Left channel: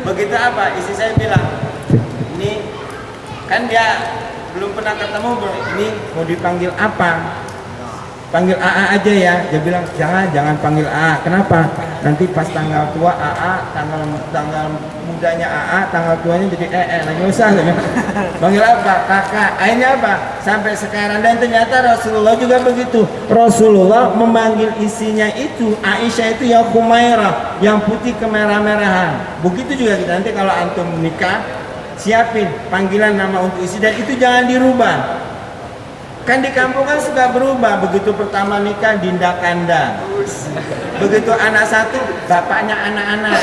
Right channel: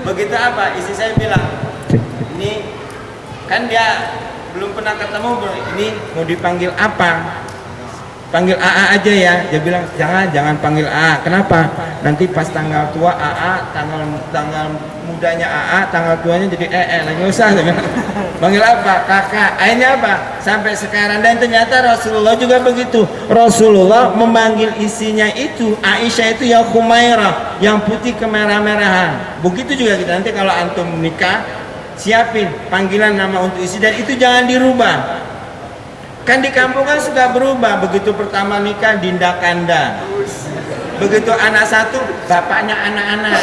Begitu apa? Istri saya bilang, ini kan dia belum pernah ketemu bro. Ini mau dipanggil apa? Panggil AA aja ya. Dia bilang jangan panggil AA. Kenapa? Nanti pas tanggal tua AA, tanggal mudanya AA, tanggal tuanya jadi lagi usah. Panggil apa? Kakak. Akhirnya apa? Sampai sekarang. Dan ternyata Rasulullah juga begitu. Rasulullah memanggil istrinya itu, Aisyah itu ya Humairah, yang putih kemerah-merahan. Begitu juga kita nanti kalau antum menikah, siapin panggilan nama untuk istri dan itu jangan dirubah. Kan di kampung kan suka berubah. Begitu pertama nikah Dinda Kanda, begitu anak satu bapaknya anak-anak,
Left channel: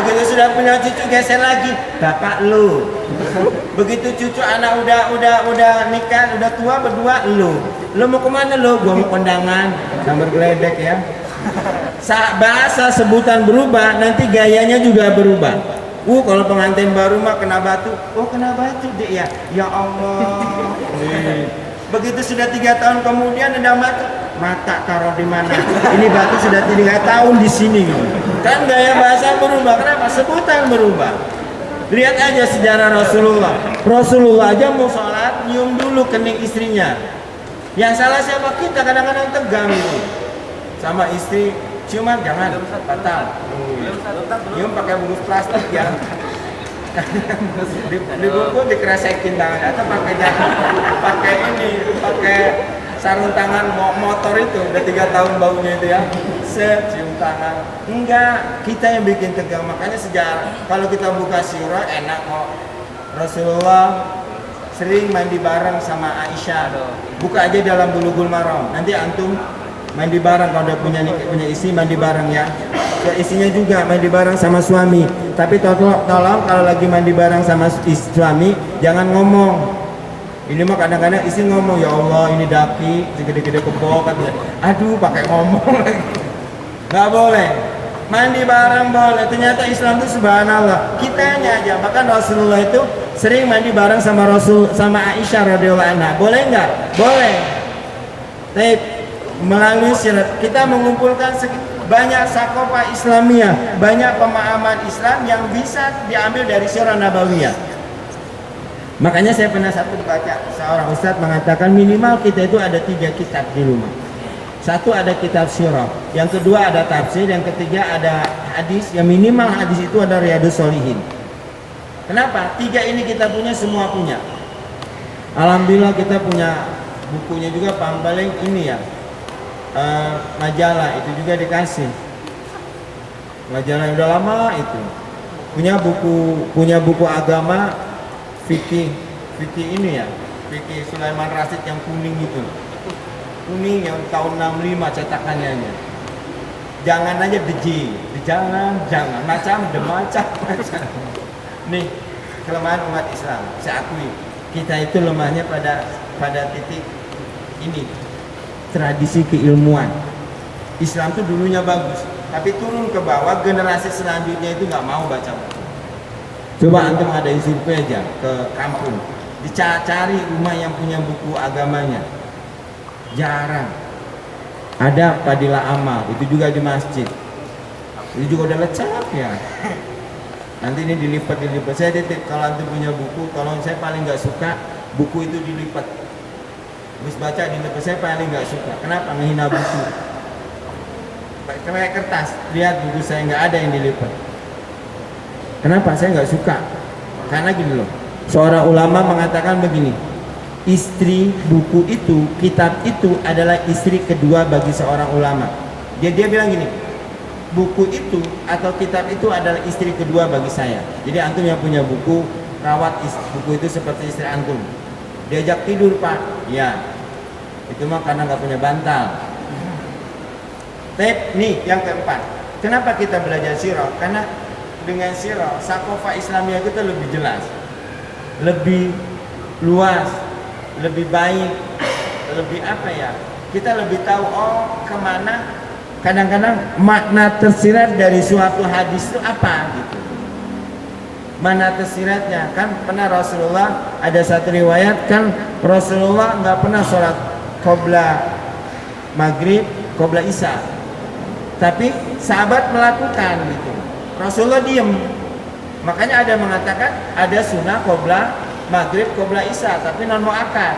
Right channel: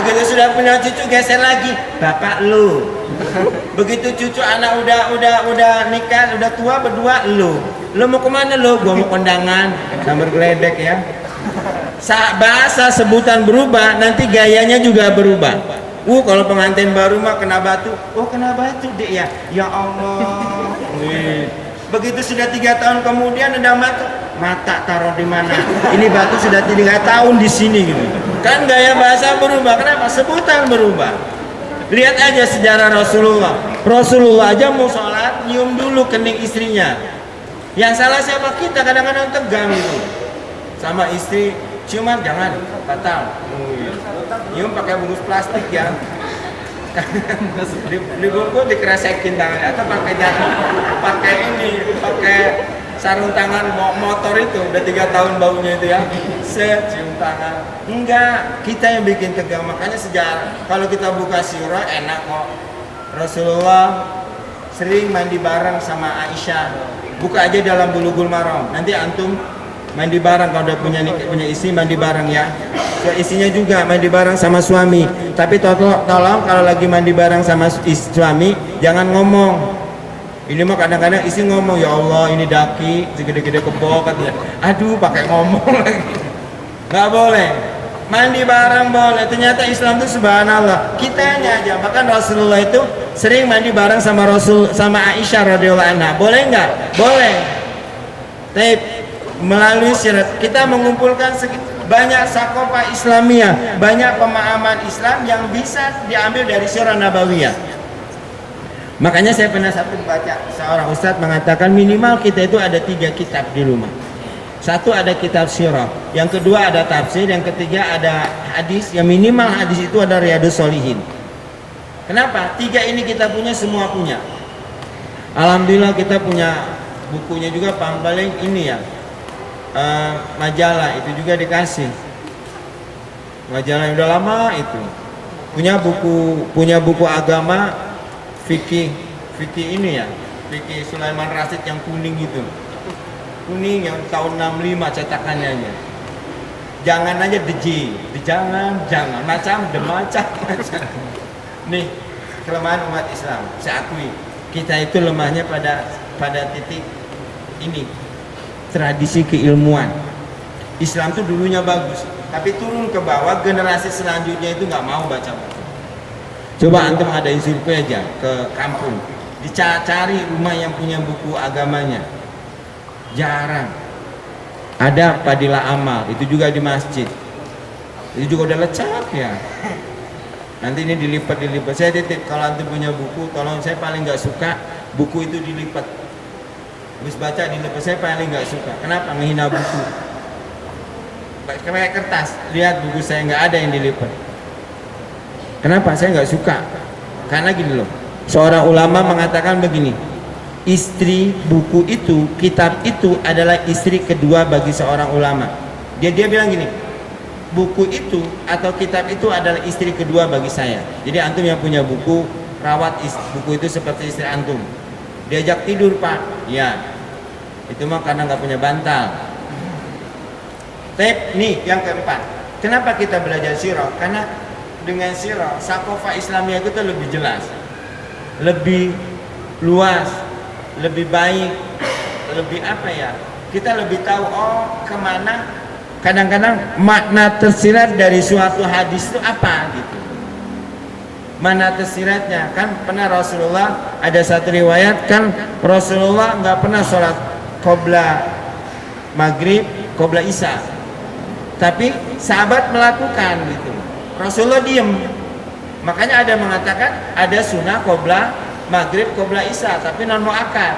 begitu sudah punya cucu geser lagi bapak lu, begitu cucu anak udah nikah udah tua berdua lu mau kemana lu? Gua mau kondangan gambar geledek ya. Bahasa sebutan berubah, nanti gayanya juga berubah. Kalau pengantin baru mah kena batu. Kena batu deh ya. Ya Allah. Begitu sudah 3 tahun kemudian ada mata taruh di mana? Ini batu sudah 3 tahun di sini gitu. Kan gaya bahasa berubah. Kenapa? Sebutan berubah. Lihat aja sejarah Rasulullah. Rasulullah aja mau sholat nyium dulu kening istrinya. Yang salah siapa? Kita kadang-kadang tegang gitu. Sama istri ciuman jangan batal. Nyium pakai bungkus plastik ya. Dibungkus dikeresekin tangannya atau pakai sarung tangan motor itu udah 3 tahun baunya itu ya. Cium tangan. Enggak, kita yang bikin tegang. Makanya sejarah kalau kita buka sirah enak kok. Rasulullah sering mandi bareng sama Aisyah. Buka aja dalam Bulughul Maram. Nanti antum mandi bareng kalau udah punya istri, mandi bareng ya. Istrinya juga mandi bareng sama suami. Tapi tolong kalau lagi mandi bareng sama suami jangan ngomong. Ini mah kadang-kadang istri ngomong, ya Allah ini daki segede-gede kebo katanya. Aduh pakai ngomong lagi. Nggak boleh. Mandi bareng boleh. Ternyata Islam itu subhanallah. Kitanya aja. Bahkan Rasulullah itu sering mandi bareng sama Aisyah radhiyallahu anha. Boleh nggak? Boleh. Tapi melalui syirat kita mengumpulkan banyak sakofa Islamiyah, banyak pemahaman Islam yang bisa diambil dari sirah nabawiyah. Makanya saya pernah baca seorang ustadz mengatakan minimal kita itu ada 3 kitab di rumah. Satu ada kitab sirah, yang kedua ada tafsir, yang ketiga ada hadis. Yang minimal hadis itu ada Riyadhus Shalihin. Kenapa? 3 ini kita punya, semua punya. Alhamdulillah kita punya bukunya juga paling ini ya. Majalah itu juga dikasih, majalah yang udah lama itu punya buku agama fikih ini ya, fikih Sulaiman Rasyid yang kuning itu, kuning yang tahun 65 cetakannya aja. Jangan aja jangan macam nih kelemahan umat Islam. Saya akui kita itu lemahnya pada titik ini, tradisi keilmuan. Islam tuh dulunya bagus, tapi turun ke bawah generasi selanjutnya itu nggak mau baca buku. Coba antum ada survei aja ke kampung, dicari rumah yang punya buku agamanya, jarang. Ada Fadilah Amal, itu juga di masjid, itu juga udah lecak ya. Nanti ini dilipat. Saya titip kalau antum punya buku, tolong, saya paling nggak suka buku itu dilipat. Habis baca di depan saya paling nggak suka. Kenapa? Menghina buku. Kayak kertas. Lihat buku saya nggak ada yang dilipat. Kenapa? Saya nggak suka. Karena gini loh. Seorang ulama mengatakan begini. Istri buku itu, kitab itu adalah istri kedua bagi seorang ulama. Dia bilang gini. Buku itu atau kitab itu adalah istri kedua bagi saya. Jadi antum yang punya buku, rawat buku itu seperti istri antum. Diajak tidur Pak, ya itu mah karena nggak punya bantal. Tapi nih yang keempat, kenapa kita belajar sirah? Karena dengan sirah sakofa Islamiyah itu lebih jelas, lebih luas, lebih baik, lebih apa ya? Kita lebih tahu kemana. Kadang-kadang makna tersirat dari suatu hadis itu apa gitu. Mana tersiratnya? Kan pernah Rasulullah ada satu riwayat kan Rasulullah nggak pernah sholat qobla maghrib, qobla isya, tapi sahabat melakukan gitu. Rasulullah diem. Makanya ada mengatakan ada sunnah qobla maghrib, qobla isya, tapi non muakkad.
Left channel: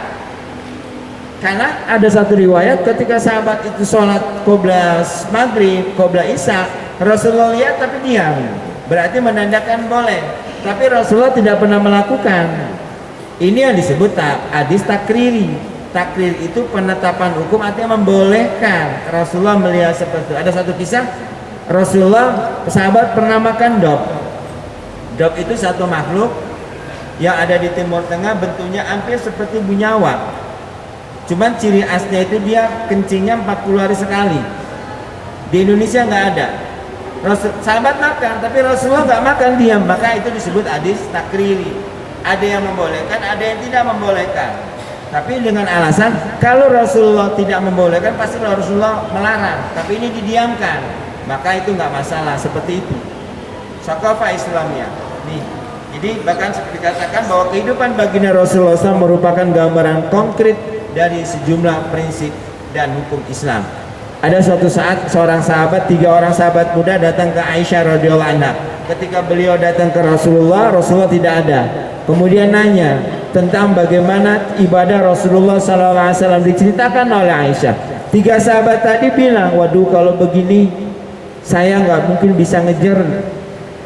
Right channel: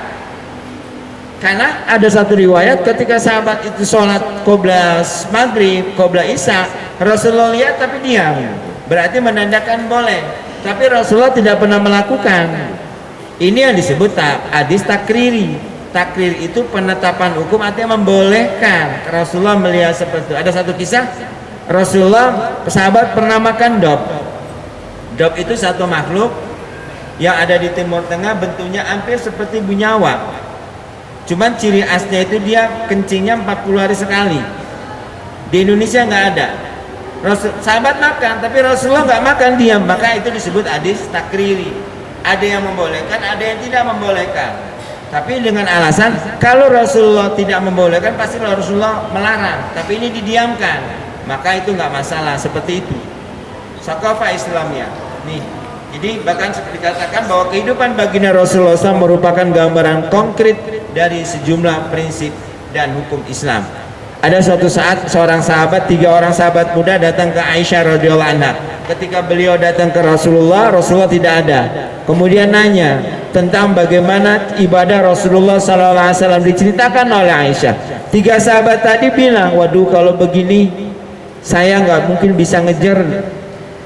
Karena ada satu riwayat ketika sahabat itu sholat qobla maghrib, qobla isya, Rasulullah lihat tapi diam. Berarti menandakan boleh. Tapi Rasulullah tidak pernah melakukan. Ini yang disebut hadis takriri. Takrir itu penetapan hukum, artinya membolehkan. Rasulullah melihat seperti itu. Ada satu kisah, Rasulullah sahabat pernah makan dop. Dop itu satu makhluk yang ada di Timur Tengah, bentuknya hampir seperti bunyawa. Cuman ciri khasnya itu dia kencingnya 40 hari sekali. Di Indonesia nggak ada. Sahabat makan, tapi Rasulullah nggak makan, diam. Maka itu disebut hadis takriri. Ada yang membolehkan, ada yang tidak membolehkan. Tapi dengan alasan kalau Rasulullah tidak membolehkan, pasti Rasulullah melarang. Tapi ini didiamkan, maka itu nggak masalah. Seperti itu. Sakafah Islamiyah. Nih, jadi bahkan dikatakan bahwa kehidupan baginda Rasulullah SAW merupakan gambaran konkret dari sejumlah prinsip dan hukum Islam. Ada suatu saat seorang sahabat, 3 orang sahabat muda datang ke Aisyah radhiyallahu anha. Ketika beliau datang ke Rasulullah, Rasulullah tidak ada. Kemudian nanya tentang bagaimana ibadah Rasulullah SAW diceritakan oleh Aisyah. 3 sahabat tadi bilang, waduh kalau begini saya nggak mungkin bisa ngejar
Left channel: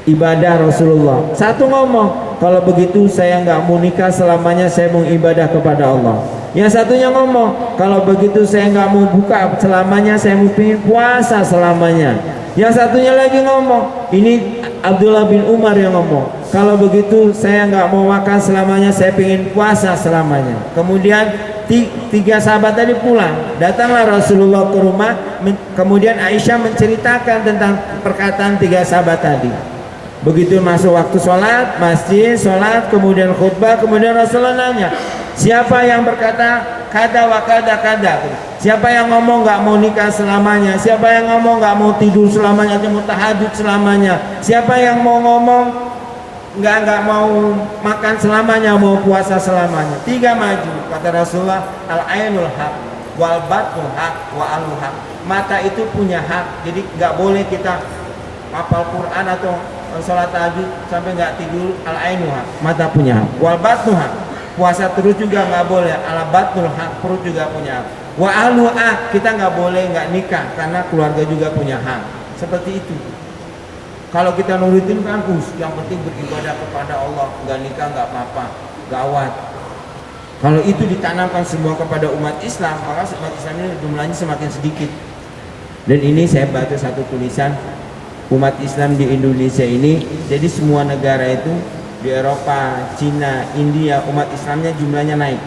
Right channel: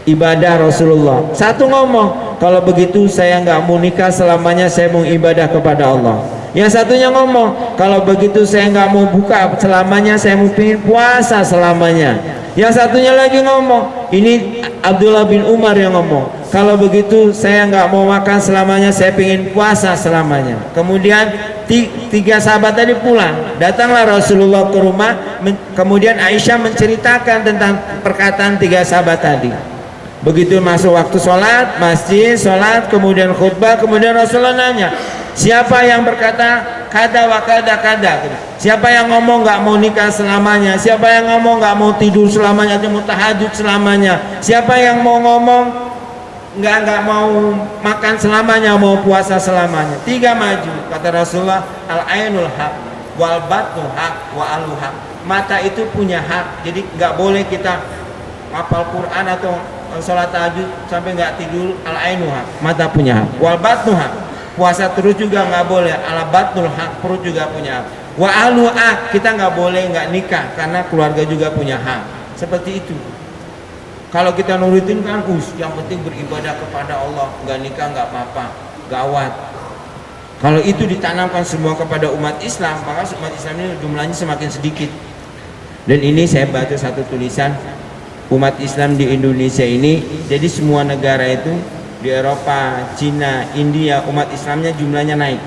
ibadah Rasulullah. Satu ngomong, kalau begitu saya nggak mau nikah selamanya, saya mau ibadah kepada Allah. Yang satunya ngomong, kalau begitu saya nggak mau buka selamanya, saya mau pingin puasa selamanya. Yang satunya lagi ngomong, ini Abdullah bin Umar yang ngomong, kalau begitu saya nggak mau makan selamanya, saya pingin puasa selamanya. Kemudian 3 sahabat tadi pulang, datanglah Rasulullah ke rumah. Kemudian Aisyah menceritakan tentang perkataan 3 sahabat tadi. Begitu masuk waktu sholat, masjid, sholat, kemudian khutbah, kemudian Rasulullah nanya, siapa yang berkata kada wa kada kada? Siapa yang ngomong nggak mau nikah selamanya? Siapa yang ngomong nggak mau tidur selamanya atau mau tahajud selamanya? Siapa yang mau ngomong nggak mau makan selamanya, mau puasa selamanya? 3 maju. Kata Rasulullah, al ainul haq wal batnul haq wa alu haq. Mata itu punya hak, jadi nggak boleh kita hafal Quran atau sholat tahajud sampai nggak tidur. Al ainu haq, mata punya hak. Wal batnu haq, puasa terus juga nggak boleh. Al batnul haq, perut juga punya hak. Wa alu haq, kita nggak boleh nggak nikah karena keluarga juga punya hak. Seperti itu. Kalau kita nurutin kan yang penting beribadah kepada Allah, nggak nikah nggak apa-apa, gawat. Kalau itu ditanamkan semua kepada umat Islam, maka umat Islam ini jumlahnya semakin sedikit. Dan ini saya baca satu tulisan, umat Islam di Indonesia ini, jadi semua negara itu di Eropa, Cina, India, umat Islamnya jumlahnya naik.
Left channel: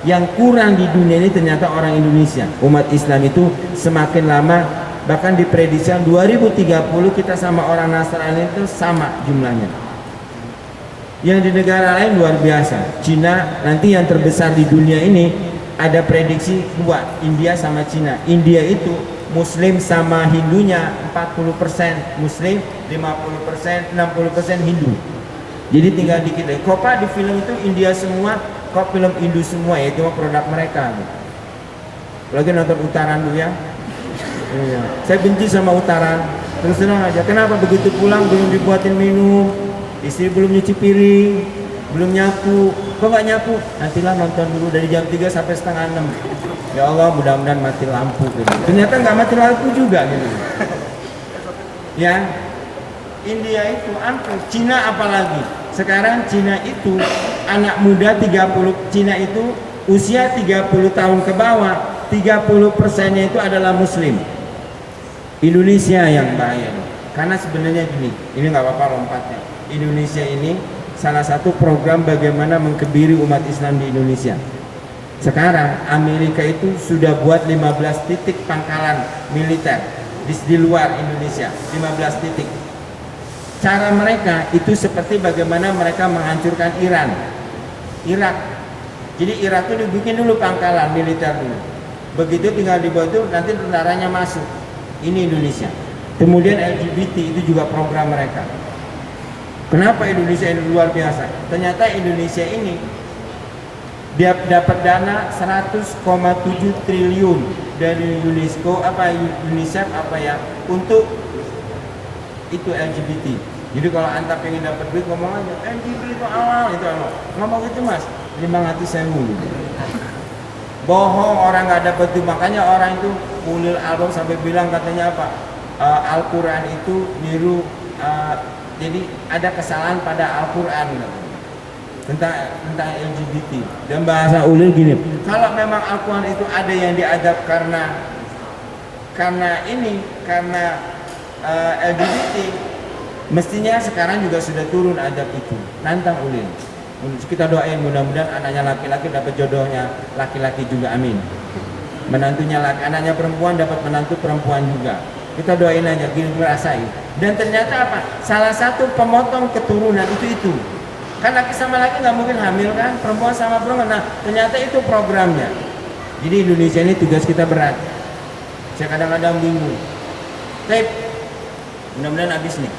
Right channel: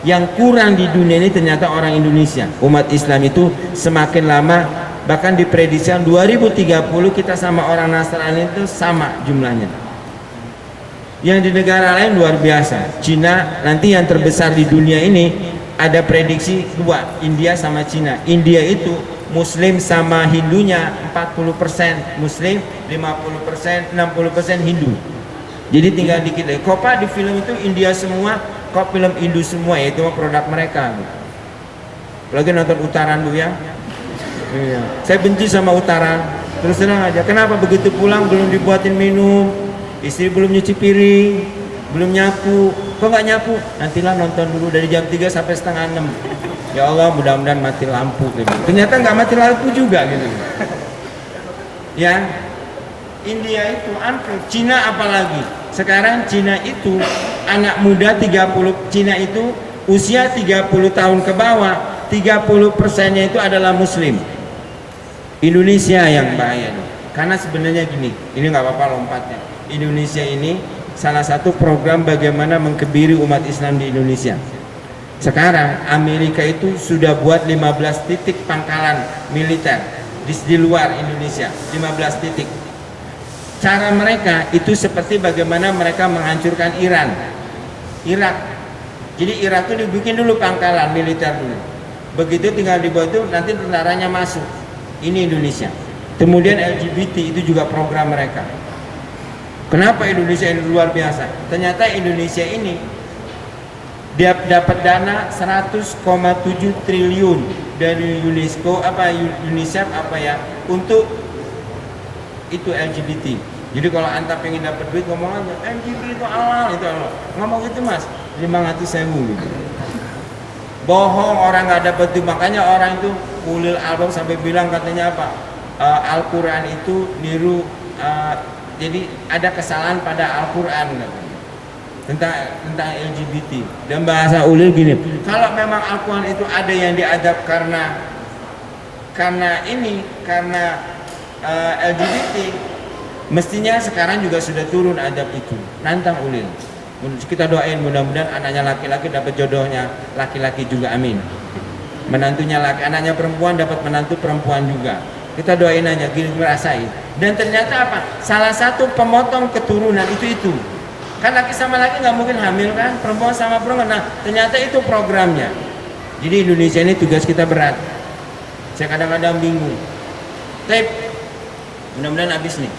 Yang kurang di dunia ini ternyata orang Indonesia. Umat Islam itu semakin lama, bahkan diprediksikan 2030 kita sama orang Nasrani itu sama jumlahnya. Yang di negara lain luar biasa. Cina nanti yang terbesar di dunia ini ada prediksi 2, India sama Cina. India itu Muslim sama Hindunya 40% Muslim, 50%, 60% Hindu. Jadi tinggal dikit lagi. Kok Pak di film itu India semua, kok film Hindu semua, ya itu mah produk mereka. Lagi nonton Utara dulu ya. Iya. Saya benci sama Utara. Terus terang aja. Kenapa begitu pulang belum dibuatin minum, istri belum nyuci piring, belum nyapu. Kok nggak nyapu? Nantilah nonton dulu dari jam 3 sampai setengah 6. Ya Allah, mudah-mudahan mati lampu gitu. Ternyata nggak mati lampu juga gitu. Ya, India itu ampuh, Cina apalagi. Sekarang Cina itu anak muda 30, Cina itu usia 30 tahun ke bawah, 30%-nya itu adalah Muslim. Indonesia yang bahaya. Karena sebenarnya gini, ini nggak apa-apa lompatnya. Indonesia ini salah satu program bagaimana mengkebiri umat Islam di Indonesia. Sekarang Amerika itu sudah buat 15 titik pangkalan militer di luar Indonesia, 15 titik. Cara mereka itu seperti bagaimana mereka menghancurkan Iran, Irak. Jadi Irak itu dibikin dulu pangkalan militer dulu. Begitu tinggal dibuat itu nanti tentaranya masuk. Ini Indonesia. Kemudian LGBT itu juga program mereka. Kenapa Indonesia ini luar biasa? Ternyata Indonesia ini dia dapat dana 100,7 triliun dari UNESCO UNICEF untuk itu LGBT. Jadi kalau anta pengen dapat duit ngomong aja LGBT itu halal, itu halal. Ngomong gitu mas, 500.000 gitu. Bohong, orang nggak dapat duit. Makanya orang itu ulil albab sampai bilang katanya apa? Al-Quran itu niru, jadi ada kesalahan pada Al-Quran tentang LGBT. Dan bahasa ulil gini, kalau memang Al-Quran itu ada yang diadab karena LGBT, mestinya sekarang juga sudah turun adab itu. Nantang ulil. Kita doain mudah-mudahan anaknya laki-laki dapat jodohnya laki-laki juga, amin. Menantunya laki, anaknya perempuan dapat menantu perempuan juga. Kita doain aja, gini ngerasain. Dan ternyata apa? Salah satu pemotong keturunan itu. Kan laki sama laki nggak mungkin hamil kan? Perempuan sama perempuan. Nah, ternyata itu programnya. Jadi Indonesia ini tugas kita berat. Saya kadang-kadang bingung. Tapi mudah-mudahan habis nih.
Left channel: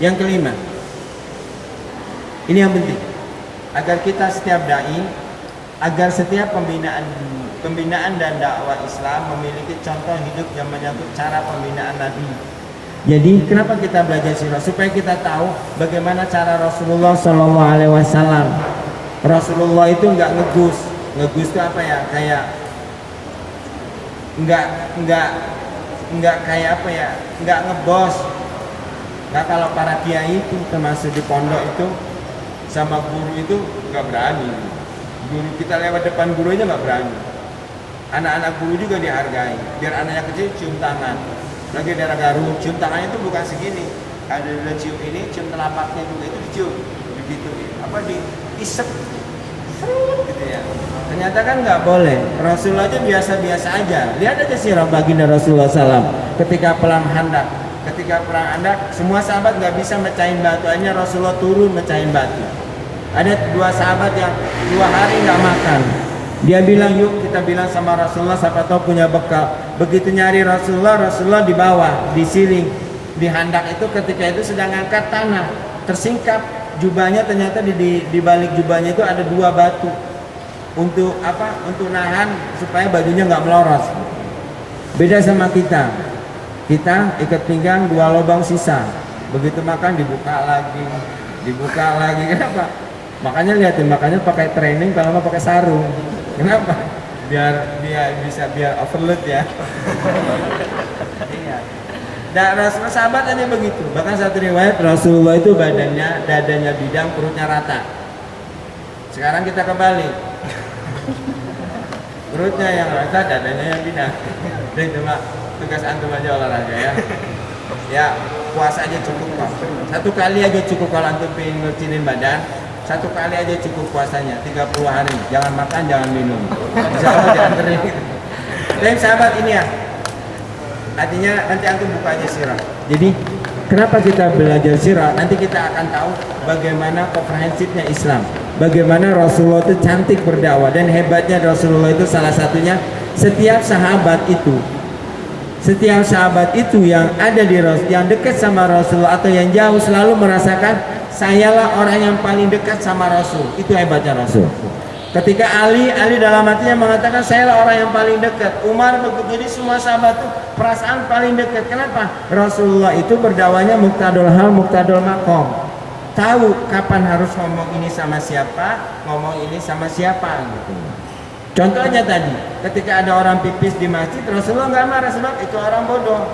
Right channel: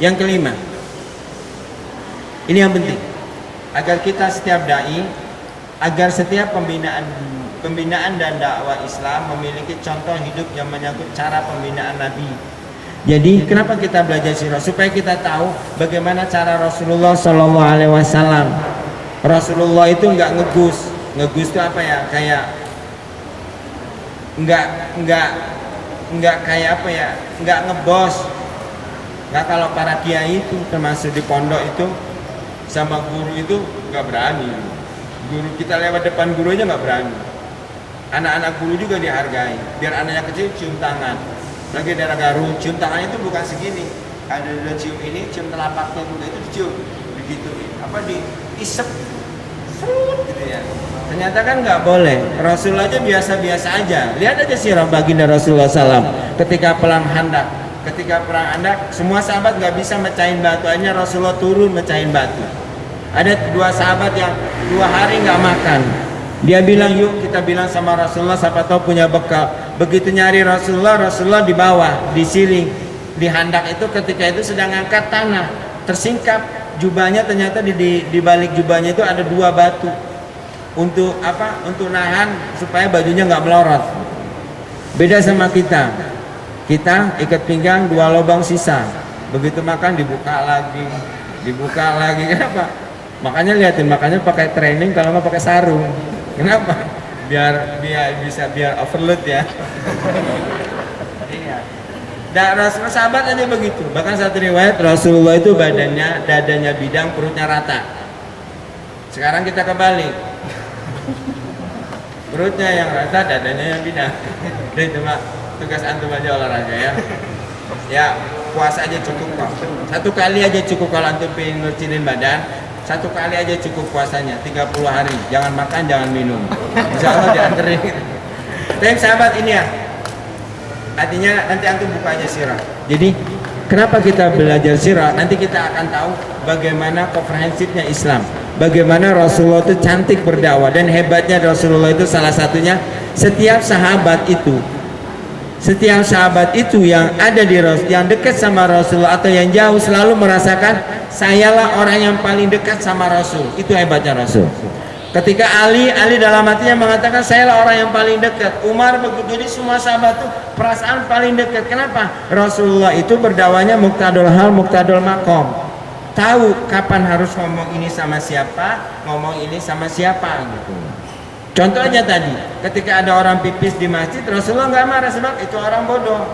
Yang kelima, ini yang penting, agar kita setiap dai, agar setiap pembinaan dan dakwah Islam memiliki contoh hidup yang menyangkut cara pembinaan Nabi. Jadi kenapa kita belajar sirah? Supaya kita tahu bagaimana cara Rasulullah Shallallahu Alaihi Wasallam. Rasulullah itu nggak ngegus itu apa ya? Kayak nggak kayak apa ya? Nggak ngebos. Nah kalau para kiai itu termasuk di pondok itu sama guru itu nggak berani. Guru kita lewat depan guru aja nggak berani. Anak-anak guru juga dihargai. Biar anaknya kecil cium tangan. Lagi daerah Garut cium tangannya itu bukan segini. Ada cium ini, cium telapaknya juga itu dicium. Begitu apa diisep, serut gitu ya. Ternyata kan nggak boleh. Rasul aja biasa-biasa aja. Lihat aja sirah baginda Rasulullah SAW ketika perang Khandaq. Ketika perang Khandaq, semua sahabat nggak bisa mecahin batu, hanya Rasulullah turun mecahin batu. Ada 2 sahabat yang 2 hari nggak makan. Dia bilang, yuk kita bilang sama Rasulullah, siapa tahu punya bekal. Begitu nyari Rasulullah di bawah, di siling, di Khandaq itu ketika itu sedang angkat tanah, tersingkap jubahnya, ternyata di balik jubahnya itu ada 2 batu. Untuk apa? Untuk nahan supaya bajunya nggak melorot. Beda sama kita. Kita ikat pinggang 2 lubang sisa. Begitu makan dibuka lagi. Kenapa? Makanya lihatin, makanya pakai training kalau nggak pakai sarung. Kenapa? Biar overload ya. Iya. Dan Rasulullah sahabat aja begitu. Bahkan satu riwayat Rasulullah itu dadanya bidang, perutnya rata. Sekarang kita kebalik. Perutnya yang rata, dadanya yang bidang. Jadi cuma tugas antum aja olahraga ya. Ya puasa aja cukup kok. 1 kali aja cukup kalau antum pengen ngecilin badan. 1 kali aja cukup puasanya 30 hari. Jangan makan, jangan minum. Insya Allah dianterin. Tapi sahabat ini ya. Artinya nanti antum buka aja sirah. Jadi kenapa kita belajar sirah? Nanti kita akan tahu bagaimana komprehensifnya Islam. Bagaimana Rasulullah itu cantik berdakwah, dan hebatnya Rasulullah itu salah satunya setiap sahabat itu yang ada di Rasul, yang dekat sama Rasulullah atau yang jauh, selalu merasakan sayalah orang yang paling dekat sama Rasul. Itu hebatnya Rasul. Ketika Ali dalam hatinya mengatakan sayalah orang yang paling dekat. Umar begitu. Jadi semua sahabat itu perasaan paling dekat. Kenapa? Rasulullah itu berdakwahnya muqtadul hal, muqtadul maqam. Tahu kapan harus ngomong ini sama siapa, ngomong ini sama siapa gitu. Contohnya tadi, ketika ada orang pipis di masjid, Rasulullah nggak marah sebab itu orang bodoh,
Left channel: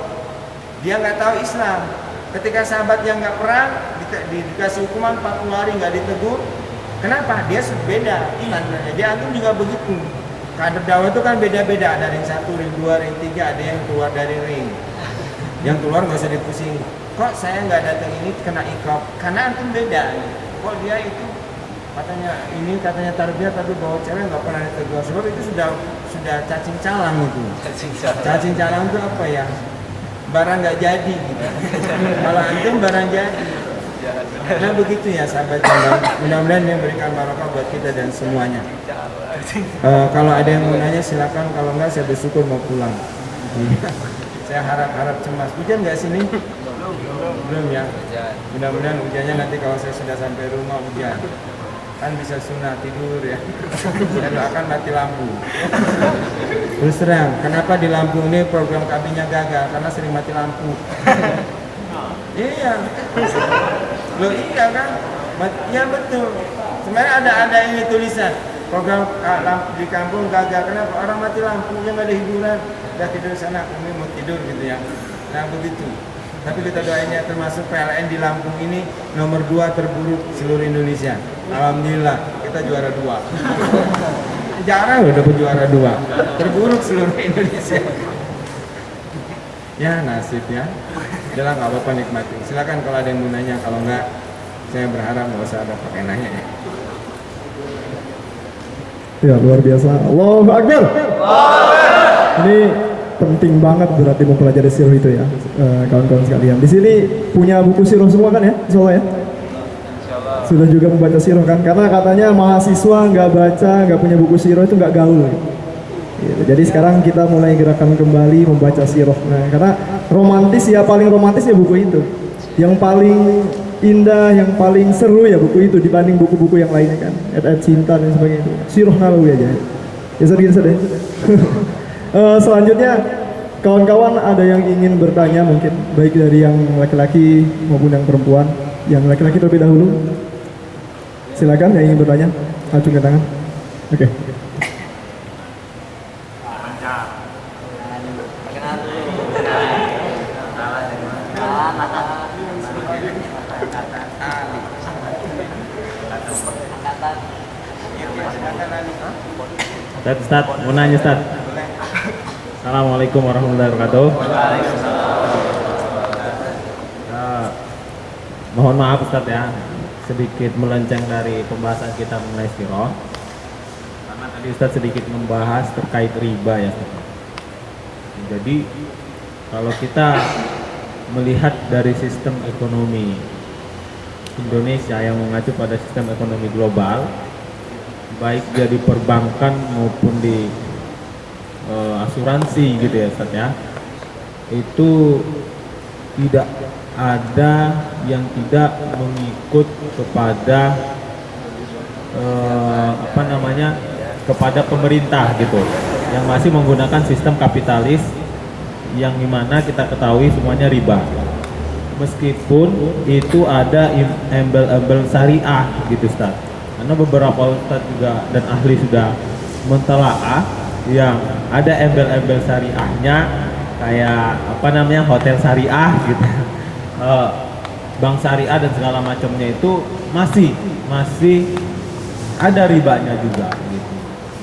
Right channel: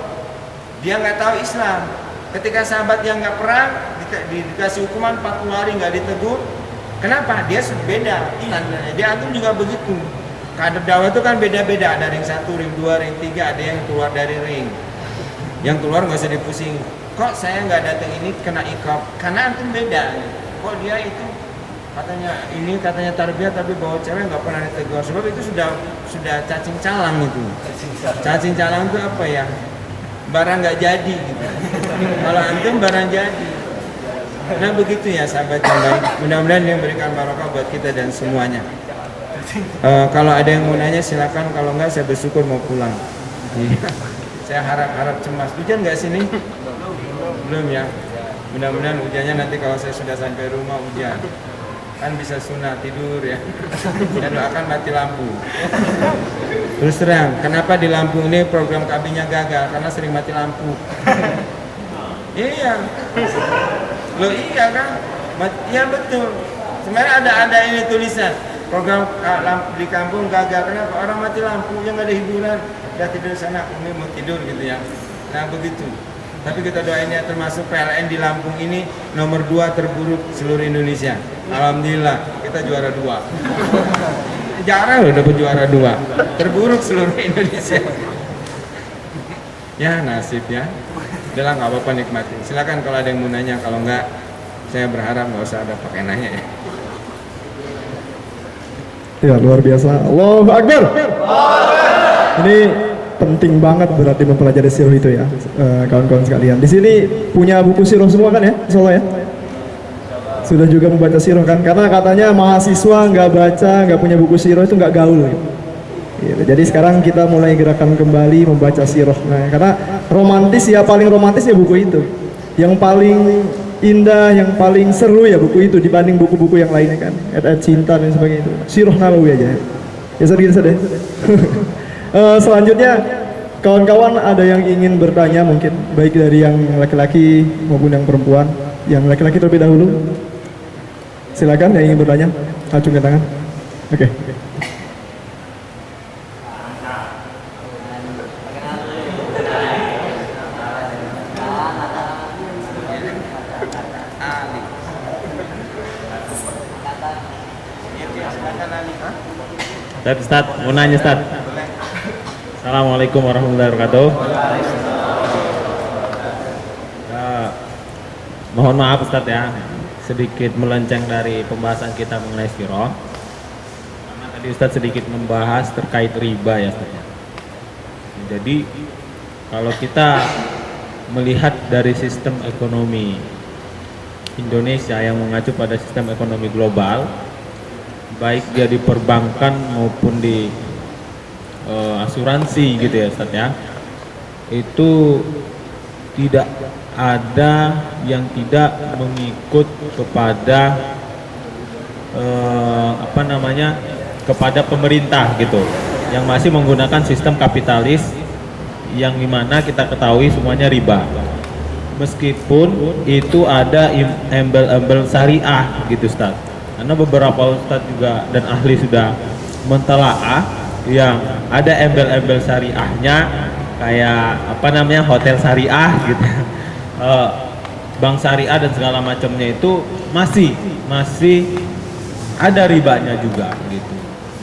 dia nggak tahu Islam. Ketika sahabat yang nggak perang dikasih hukuman 40 hari nggak ditegur, kenapa? Dia beda. Dia antum juga begitu. Kader dakwah itu kan beda-beda. Ada ring 1, ring 2, ring 3, ada yang keluar dari ring. Yang keluar nggak usah dipusing. Kok saya nggak datang ini kena iqab? Karena antum beda. Kok dia itu katanya tarbiyah tapi bawa cewek nggak pernah ditegur, sebab itu sudah cacing calang itu. Cacing calang itu apa ya? Barang nggak jadi gitu. Kalau antum barang jadi. Nah begitu ya sahabat yang baik. Mudah-mudahan yang berikan barokah buat kita dan semuanya. Kalau ada yang mau nanya silakan, kalau nggak saya bersyukur mau pulang. Saya harap cemas. Hujan nggak sini? Belum ya. Mudah-mudahan hujannya nanti kalau saya sudah sampai rumah hujan. kan bisa sunah tidur ya. Saya doakan mati lampu. Terus terang, kenapa di Lampung ini program KB-nya gagal? Karena sering mati lampu. Iya. Loh iya kan? Iya betul. Sebenarnya ada ini tulisan program di kampung gagal. Kenapa? Orang mati lampu, yang nggak ada hiburan. Udah tidur sana, Umi mau tidur gitu ya. Nah begitu. Tapi kita doain ya, termasuk PLN di Lampung ini nomor 2 terburuk seluruh Indonesia. Alhamdulillah kita juara 2. Jarang loh dapat juara 2. Terburuk seluruh Indonesia. Ya nasib ya. Udah nggak apa-apa, nikmati. Silakan kalau ada yang mau nanya, kalau enggak saya berharap nggak usah ada pakai nanya ya. Ya luar biasa. Allahu Akbar. Ini penting banget berarti mempelajari sirah itu ya, kawan-kawan sekalian. Di sini punya buku sirah semua kan ya, insyaallah ya? Sudah juga membaca sirah kan? Karena katanya mahasiswa nggak baca, nggak punya buku sirah itu nggak gaul. Gitu. Jadi sekarang kita mulai gerakan kembali membaca sirah. Nah, karena romantis ya, paling romantis ya buku itu. Yang paling indah, yang paling seru ya buku itu dibanding buku-buku yang lainnya kan. Ayat-ayat cinta dan sebagainya itu. Sirah Nabawi aja. Ya sedih. Selanjutnya kawan-kawan ada yang ingin bertanya mungkin, baik dari yang laki-laki maupun yang perempuan. Yang laki-laki terlebih dahulu, silakan yang ingin bertanya, acungkan tangan. Oke. Ustaz, mau nanya Ustaz. Assalamualaikum warahmatullahi wabarakatuh. Ya, mohon maaf Ustaz ya, sedikit melenceng dari pembahasan kita mengenai sirah. Karena tadi Ustaz sedikit membahas terkait riba ya Ustaz. Jadi kalau kita melihat dari sistem ekonomi Indonesia yang mengacu pada sistem ekonomi global, baik dia di perbankan maupun di asuransi gitu ya Ustaz ya, itu tidak ada yang tidak mengikut kepada kepada pemerintah gitu, yang masih menggunakan sistem kapitalis yang dimana kita ketahui semuanya riba. Meskipun itu ada embel-embel syariah gitu Ustaz, karena beberapa Ustaz juga dan ahli sudah mentelaah yang ada embel-embel syariahnya, kayak hotel syariah gitu, bank syariah dan segala macamnya itu masih ada ribanya juga gitu.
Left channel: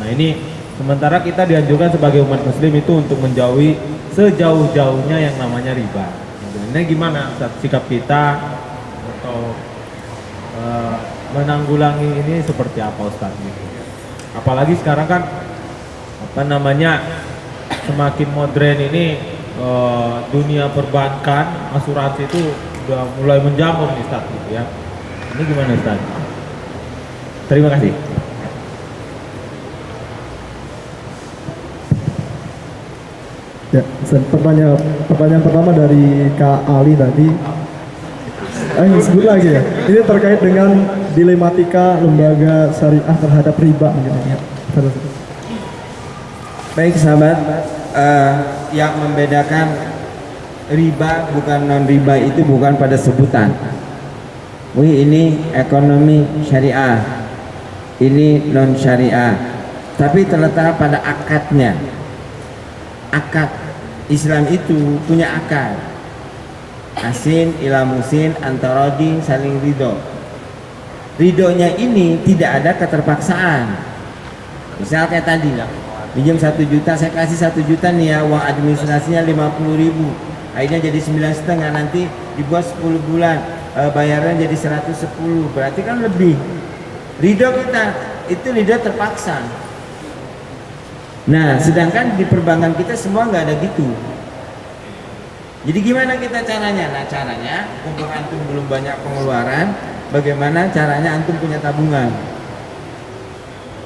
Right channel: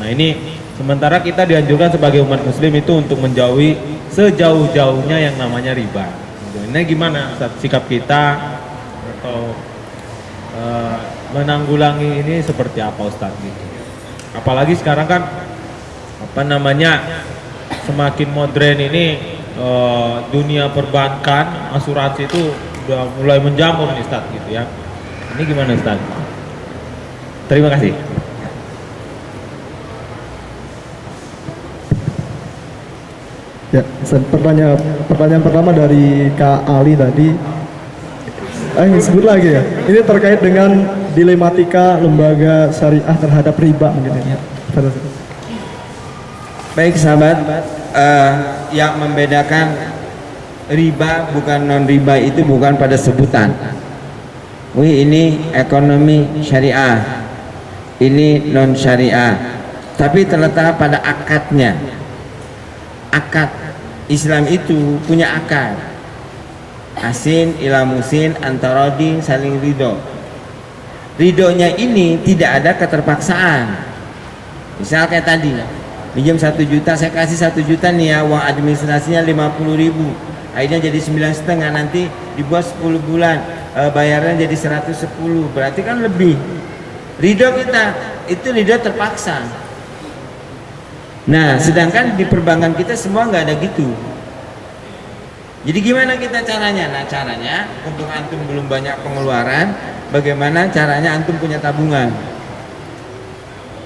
Nah ini sementara kita dianjurkan sebagai umat muslim itu untuk menjauhi sejauh-jauhnya yang namanya riba. Ini gimana Ustaz, sikap kita atau menanggulangi ini seperti apa Ustaz gitu? Apalagi sekarang kan semakin modern ini, dunia perbankan, asuransi itu udah mulai menjamur nih Ustaz gitu ya. Ini gimana Ustaz? Terima kasih. Ya, pertanyaan pertama dari Kak Ali tadi. Sebut lagi ya. Ini terkait dengan dilematika lembaga syariah terhadap riba mungkin ya. Baik sahabat, yang membedakan riba bukan non riba itu bukan pada sebutan. Wih ini ekonomi syariah, ini non syariah, tapi terletak pada akadnya. Akad Islam itu punya akad. Asin ila musin antarodi saling ridho. Ridhonya ini tidak ada keterpaksaan. Misal kayak tadi lah, pinjam 1 juta, saya kasih 1 juta nih ya, uang administrasinya 50.000, akhirnya jadi 9,5, nanti dibuat 10 bulan, bayarnya jadi 110, berarti kan lebih. Ridho kita itu ridho terpaksa. Nah sedangkan di perbankan kita semua nggak ada gitu. Jadi gimana kita caranya? Nah caranya, untuk antum belum banyak pengeluaran, bagaimana caranya antum punya tabungan?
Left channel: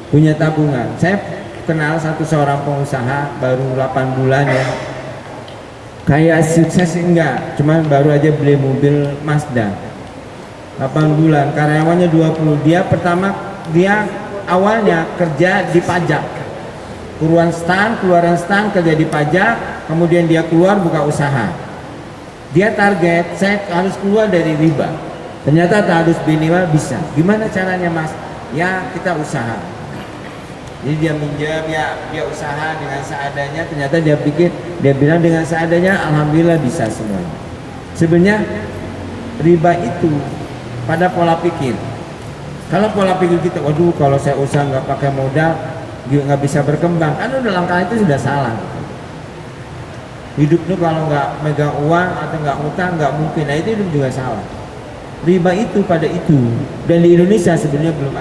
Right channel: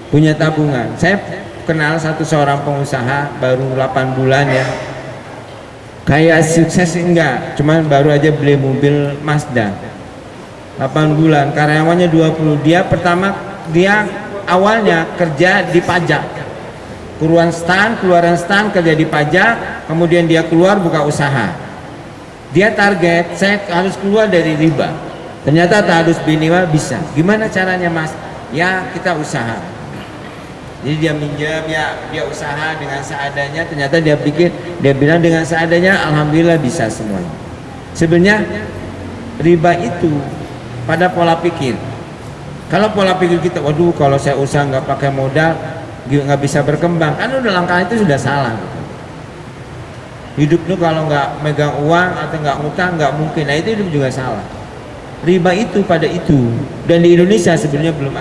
Punya tabungan. Saya kenal seorang pengusaha baru 8 bulan ya, kayak sukses enggak, cuman baru aja beli mobil Mazda 8 bulan, karyawannya 20. Dia pertama dia awalnya kerja di pajak, keluaran stan kerja di pajak, kemudian dia keluar buka usaha. Dia target saya harus keluar dari riba. Ternyata harus minimal bisa. Gimana caranya mas? Ya kita usaha. Jadi dia minjem, ya dia usaha dengan seadanya. Ternyata dia bilang dengan seadanya, alhamdulillah bisa semuanya. Sebenarnya riba itu pada pola pikir. Kalau pola pikir kita, waduh kalau saya usaha nggak pakai modal, nggak bisa berkembang, kan udah langkah itu sudah salah. Hidup lu kalau nggak megang uang atau nggak ngutang nggak mungkin. Nah itu hidup juga salah. Riba itu pada itu, dan di Indonesia sebenarnya belum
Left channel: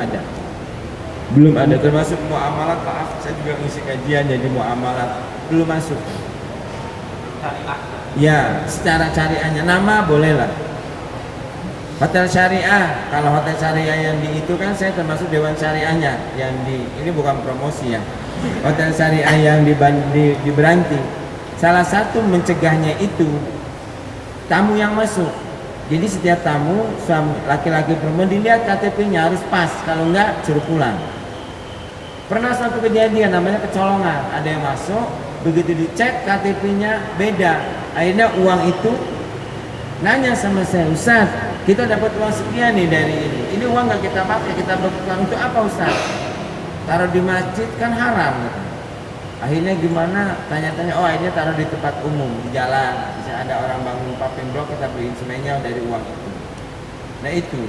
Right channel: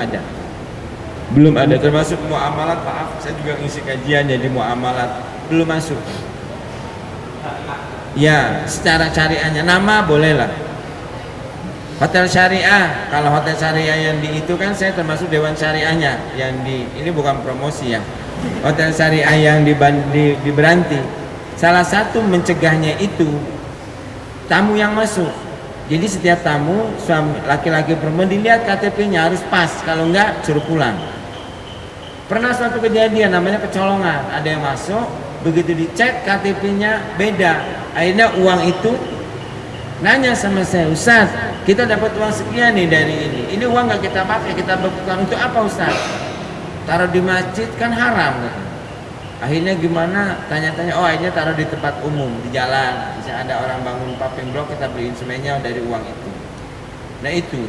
ada termasuk muamalat. Maaf saya juga ngisi kajian jadi muamalat belum masuk. Ya secara syariahnya nama boleh lah. Hotel syariah, kalau hotel syariah yang di itu kan saya termasuk dewan syariahnya yang di ini bukan promosi ya. Hotel syariah yang di Beranti, salah satu mencegahnya itu tamu yang masuk. Jadi setiap tamu suami laki-laki perempuan dilihat KTP-nya harus pas, kalau enggak suruh pulang. Pernah suatu kejadian namanya kecolongan, ada yang masuk, begitu dicek KTP-nya beda, akhirnya uang itu nanya sama saya, Ustaz, kita dapat uang sekian nih dari ini uang nggak kita pakai, kita berputar untuk apa Ustaz? Taruh di masjid kan haram. Akhirnya gimana? Tanya-tanya, oh akhirnya taruh di tempat umum, di jalan. Bisa ada orang bangun paving block, kita beliin semennya dari uang itu. Nah itu,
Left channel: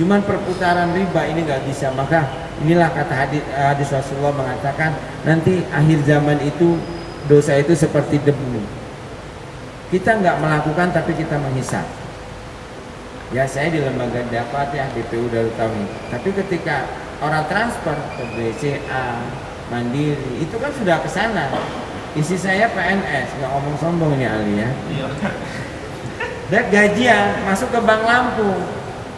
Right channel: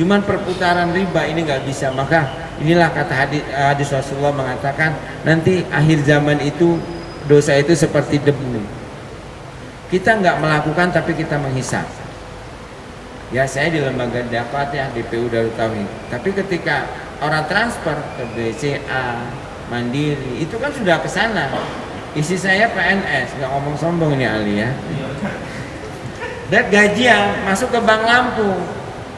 cuman perputaran riba ini nggak bisa. Maka inilah kata hadis Rasulullah mengatakan, nanti akhir zaman itu dosa itu seperti debu. Kita nggak melakukan tapi kita menghisap. Ya saya di lembaga dapat ya DPU Darut Tauhid. Tapi ketika orang transfer ke BCA, Mandiri, itu kan sudah ke sana. Isi saya PNS, nggak ngomong sombong ini Ali ya. Dan gajian masuk ke Bank Lampung.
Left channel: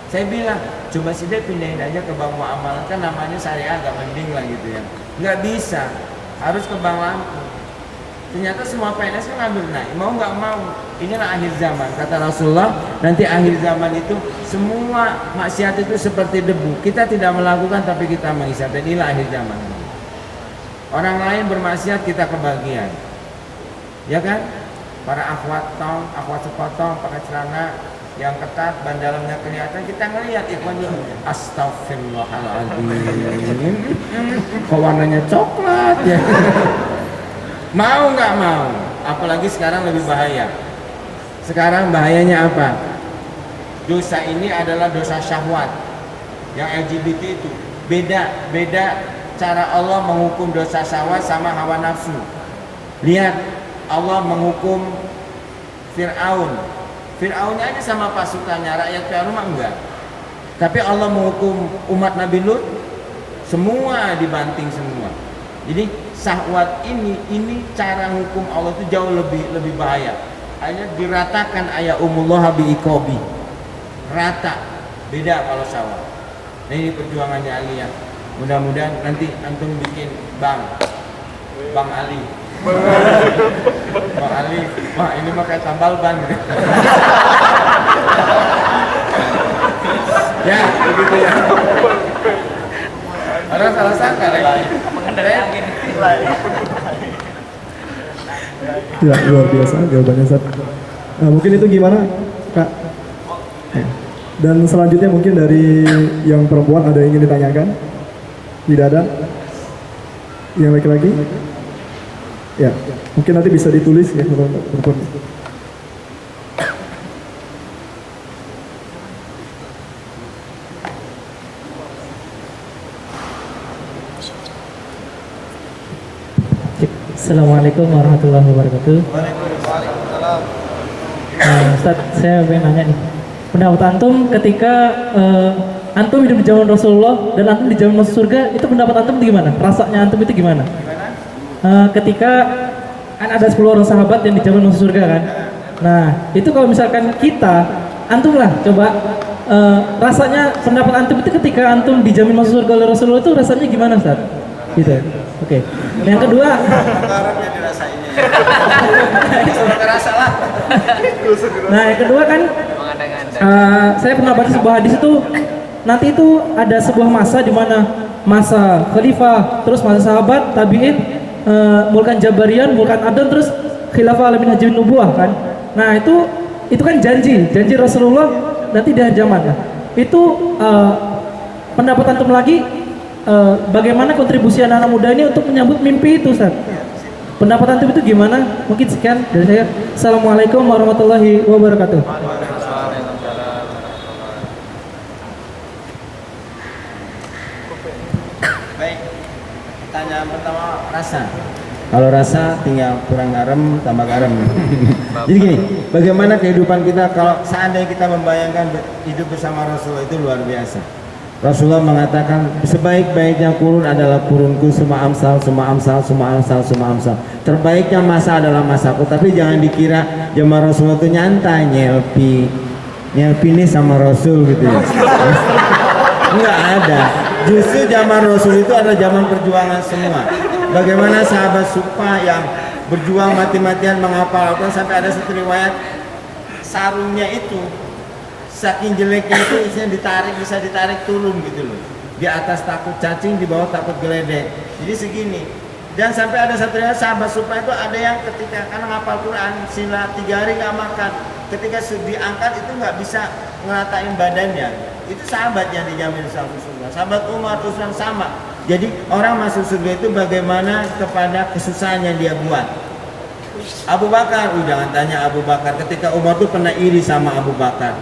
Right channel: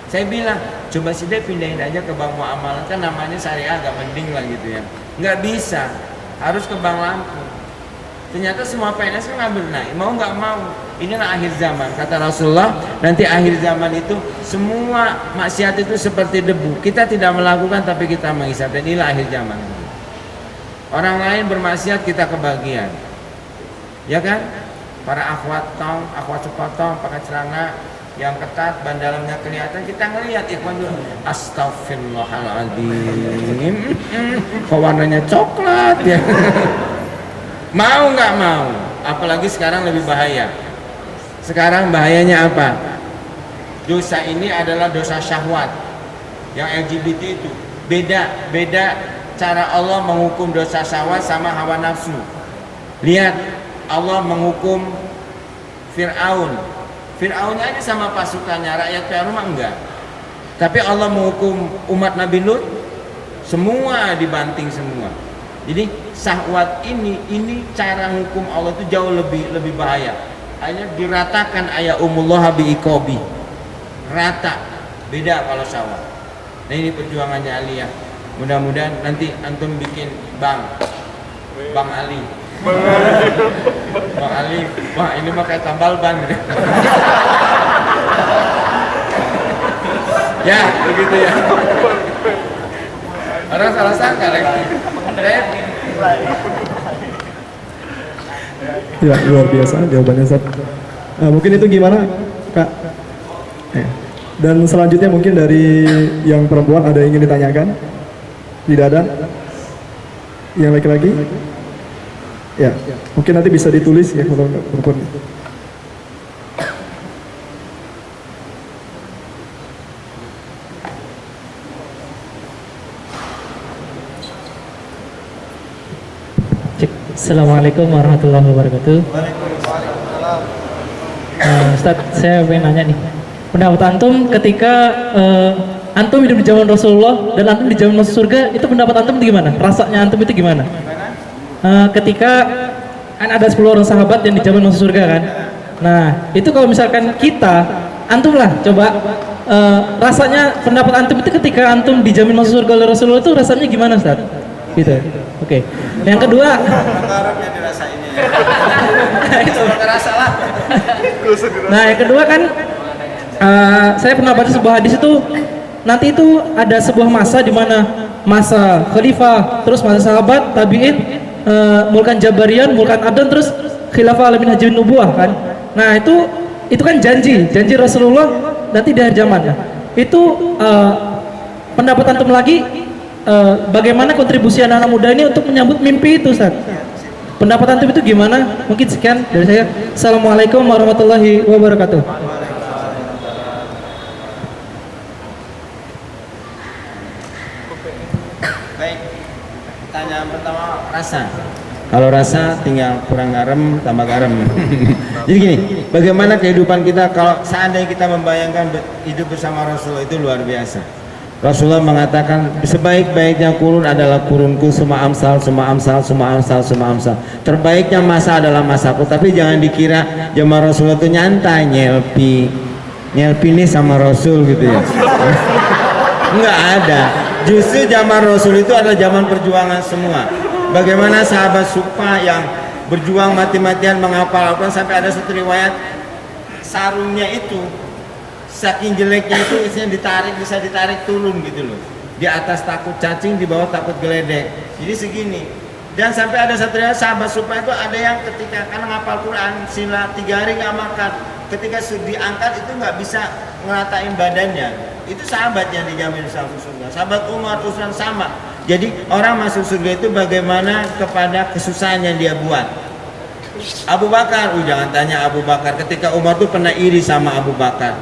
Saya bilang, coba sih deh pindahin aja ke Bank Muamalat, kan namanya syariah agak mending lah gitu ya. Nggak bisa, harus ke Bank Lampung. Ternyata semua PNS kan ngambil naik, mau nggak mau. Inilah akhir zaman, kata Rasulullah. Nanti akhir zaman itu semua maksiat itu seperti debu. Kita tidak melakukan tapi kita menghisap. Dan inilah akhir zaman. Orang lain bermaksiat kita kebagian, ya kan? Para akhwat sepotong pakai celana yang ketat, ban dalamnya kelihatan, kita ngelihat ikhwan dulu. Astagfirullahaladzim, kok warnanya coklat ya? Mau nggak mau? Apalagi sekarang lebih bahaya. Sekarang bahayanya apa? Dosa ini adalah dosa syahwat. Yang LGBT itu beda cara Allah menghukum dosa syahwat sama hawa nafsu. Lihat, Allah menghukum Fir'aunnya aja sama pasukannya, rakyat Fir'aun mah enggak. Tapi Allah menghukum umat Nabi Lut, semua dibanting semua. Jadi syahwat ini cara hukum Allah itu jauh lebih bahaya. Hanya diratakan ayahumullah bi'iqobi, rata, beda kalau syahwat. Nah ini perjuangannya Aliyah. Mudah-mudahan nanti antum bikin Bang Ali. Bang Ali, wah ini mah kayak tambal ban. Ya, begitu ya. Orang salah sangka lagi. Ya, luar biasa jawabannya Ustaz. Nah, mungkin itu gimana Kak? Dan selanjutnya mungkin dari yang perempuan ada yang ingin ditanyakan? Tidak ada? Yang laki-laki? Ya, mungkin nanti bisa ditulis ya kalau perempuan. Assalamualaikum warahmatullahi wabarakatuh. Ustaz, saya pengen nanya nih, pendapat antum ketika antum hidup di zaman Rasulullah dan antum di zaman masuk surga, itu pendapat antum itu gimana? Rasanya antum itu gimana? Ketika kan ada 10 orang sahabat yang di zaman masuk surga kan? Nah, itu kalau misalkan kita, antum lah coba rasanya pendapat antum itu ketika antum dijamin masuk surga oleh Rasulullah itu rasanya gimana Ustaz? Gitu. Oke. Yang kedua, nah yang kedua kan saya pernah baca sebuah hadis itu nanti itu ada sebuah masa di mana masa khalifah, terus masa sahabat, tabi'in, mulkan Jabarian, mulkan Adon, terus khilafah alamin haji nubuah kan. Nah itu kan janji Rasulullah nanti di akhir zaman ya. Itu pendapat antum lagi, bagaimana kontribusi anak-anak muda ini untuk menyambut mimpi itu, Ustaz? Pendapat antum itu gimana? Mungkin sekian dari saya. Assalamualaikum warahmatullahi wabarakatuh. Baik, pertanyaan pertama, rasa. Kalau rasa tinggal kurang garam tambah garam. Jadi gini, bagaimana kehidupan kita kalau seandainya kita membayangkan hidup bersama Rasulullah, itu luar biasa. Rasulullah mengatakan sebaik-baiknya kurun adalah kurunku, semua amsal. Terbaiknya masa adalah masaku. Tapi jangan dikira zaman Rasulullah itu nyantai nyelpi ini sama Rasul gitu ya. Enggak ada. Justru zaman Rasul itu adalah zaman perjuangan semua. Bagaimana sahabat Sufa yang berjuang mati-matian menghafal Al-Quran, sampai ada satu riwayat sarungnya itu saking jeleknya itu isinya bisa ditarik turun gitu loh. Di atas takut cacing, di bawah takut geledek. Jadi segini. Dan sampai ada satu riwayat sahabat Sufa itu ada yang ketika karena ngapal Quran sila 3 hari nggak makan, ketika diangkat itu nggak bisa ngeratain badannya. Itu sahabat yang dijamin masuk surga. Sahabat Umar, Utsman sama. Jadi orang masuk surga itu bagaimana kepada kesusahan yang dia buat. Abu Bakar, jangan tanya Abu Bakar. Ketika Umar tuh pernah iri sama Abu Bakar.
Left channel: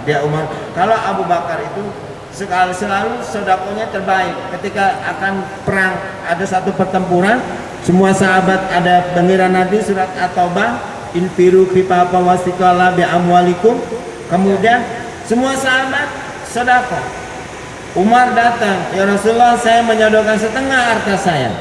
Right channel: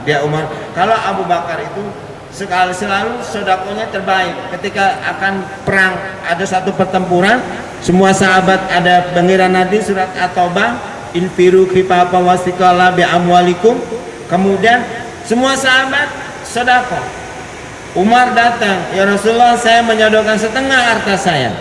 Kalau Abu Bakar itu selalu sodakonya terbaik. Ketika akan perang, ada satu pertempuran, semua sahabat ada bangiran nanti surat At-Taubah, infiru khifafa wasiqala bi amwalikum. Kemudian semua sahabat sedekah. Umar datang, ya Rasulullah, saya menyodorkan setengah harta saya.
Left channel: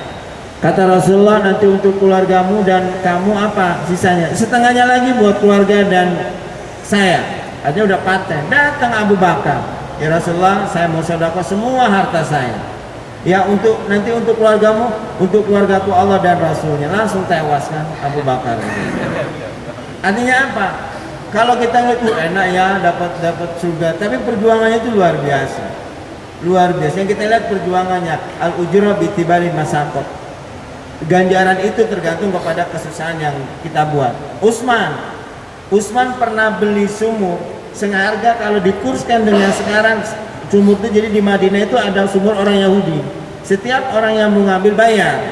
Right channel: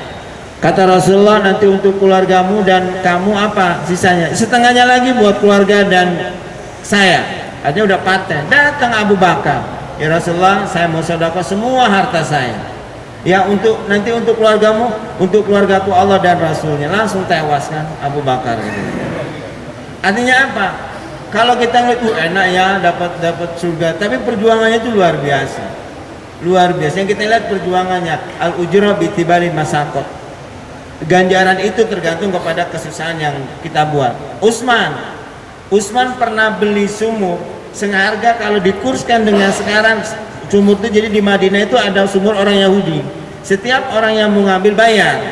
Kata Rasulullah, nanti untuk keluargamu dan kamu apa sisanya? Setengahnya lagi buat keluarga dan saya. Artinya udah paten. Datang Abu Bakar, ya Rasulullah, saya mau sedekah semua harta saya. Ya nanti untuk keluargamu, untuk keluargaku Allah dan Rasulnya. Langsung tewas kan Abu Bakar. Artinya apa? Kalau kita ngeliat enak ya dapat surga, tapi perjuangannya itu luar biasa. Luar biasa. Yang kita lihat perjuangannya, al-ujra bi tibari masaqat. Ganjaran itu tergantung kepada kesusahan yang kita buat. Utsman pernah beli sumur seharga, kalau dikurskan dengan sekarang, sumur itu jadi di Madinah itu ada sumur orang Yahudi. Setiap orang yang mau ngambil bayar.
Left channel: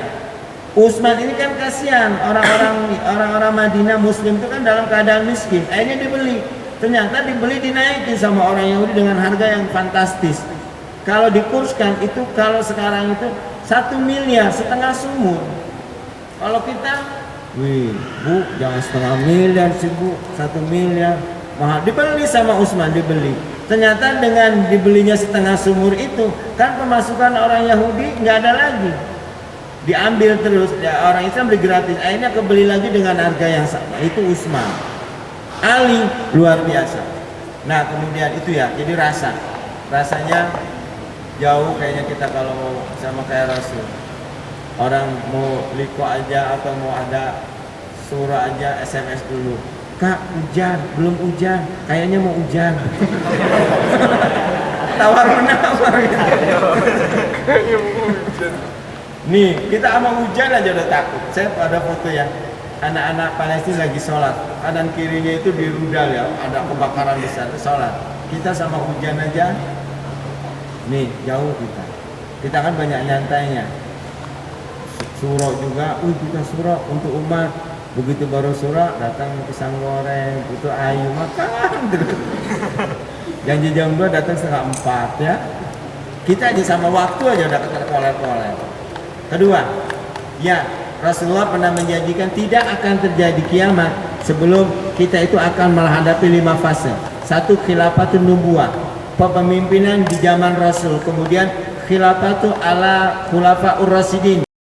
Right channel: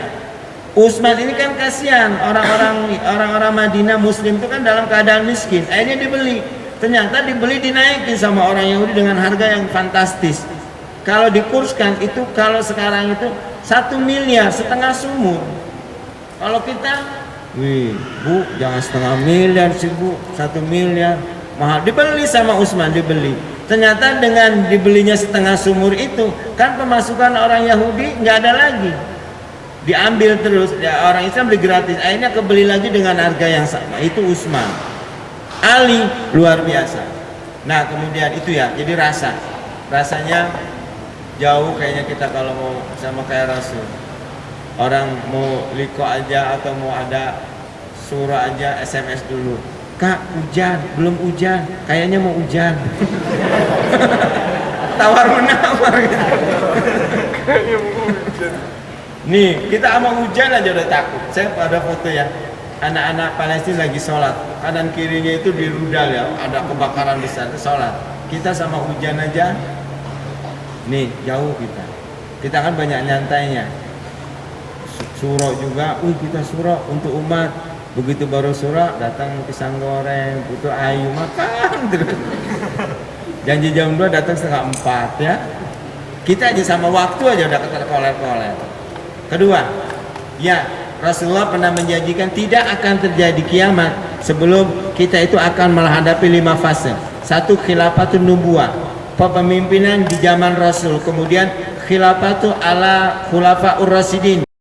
Utsman ini kan kasihan, orang-orang Madinah Muslim itu kan dalam keadaan miskin. Akhirnya dibeli. Ternyata dibeli dinaikin sama orang Yahudi dengan harga yang fantastis. Kalau dikurskan itu, kalau sekarang itu 1 miliar setengah sumur. Kalau kita, bu jangan setengah miliar sih bu, 1 miliar mahal. Dibeli sama Utsman, dibeli. Ternyata dengan dibelinya setengah sumur itu, kan pemasukan orang Yahudi nggak ada lagi. Diambil terus, ya, orang Islam beli gratis. Akhirnya kebeli lagi dengan harga yang sama. Itu Utsman. Ali luar biasa. Nah kemudian itu ya, jadi rasanya jauh kayaknya kita kalau mau sama kayak Rasul. Orang mau liko aja atau mau ada surah aja SMS dulu. Kak hujan, belum hujan, kayaknya mau hujan. Tawar menawar gitu. Nih kita sama hujan aja udah takut. Saya pada foto ya, anak-anak Palestina lagi sholat, kanan kirinya itu dirudal ya, ada kebakaran besar, sholat. Kita sama hujan aja. Nih jauh kita kan banyak nyantainya. Surah juga, kita surah untuk umat. Begitu baru surah datang pisang goreng, butuh ayu makan terus. Janji jam 2 datang setengah 4 ya. Kita aja sama waktu aja udah keterkoler-koler. Kedua, ya Rasulullah pernah menjanjikan tidak akan terjadi kiamat sebelum kita itu akan menghadapi 5 fase. 1 khilafatun nubuwah, kepemimpinan di zaman Rasul. Kemudian khilafatu ala khulafaur rasyidin.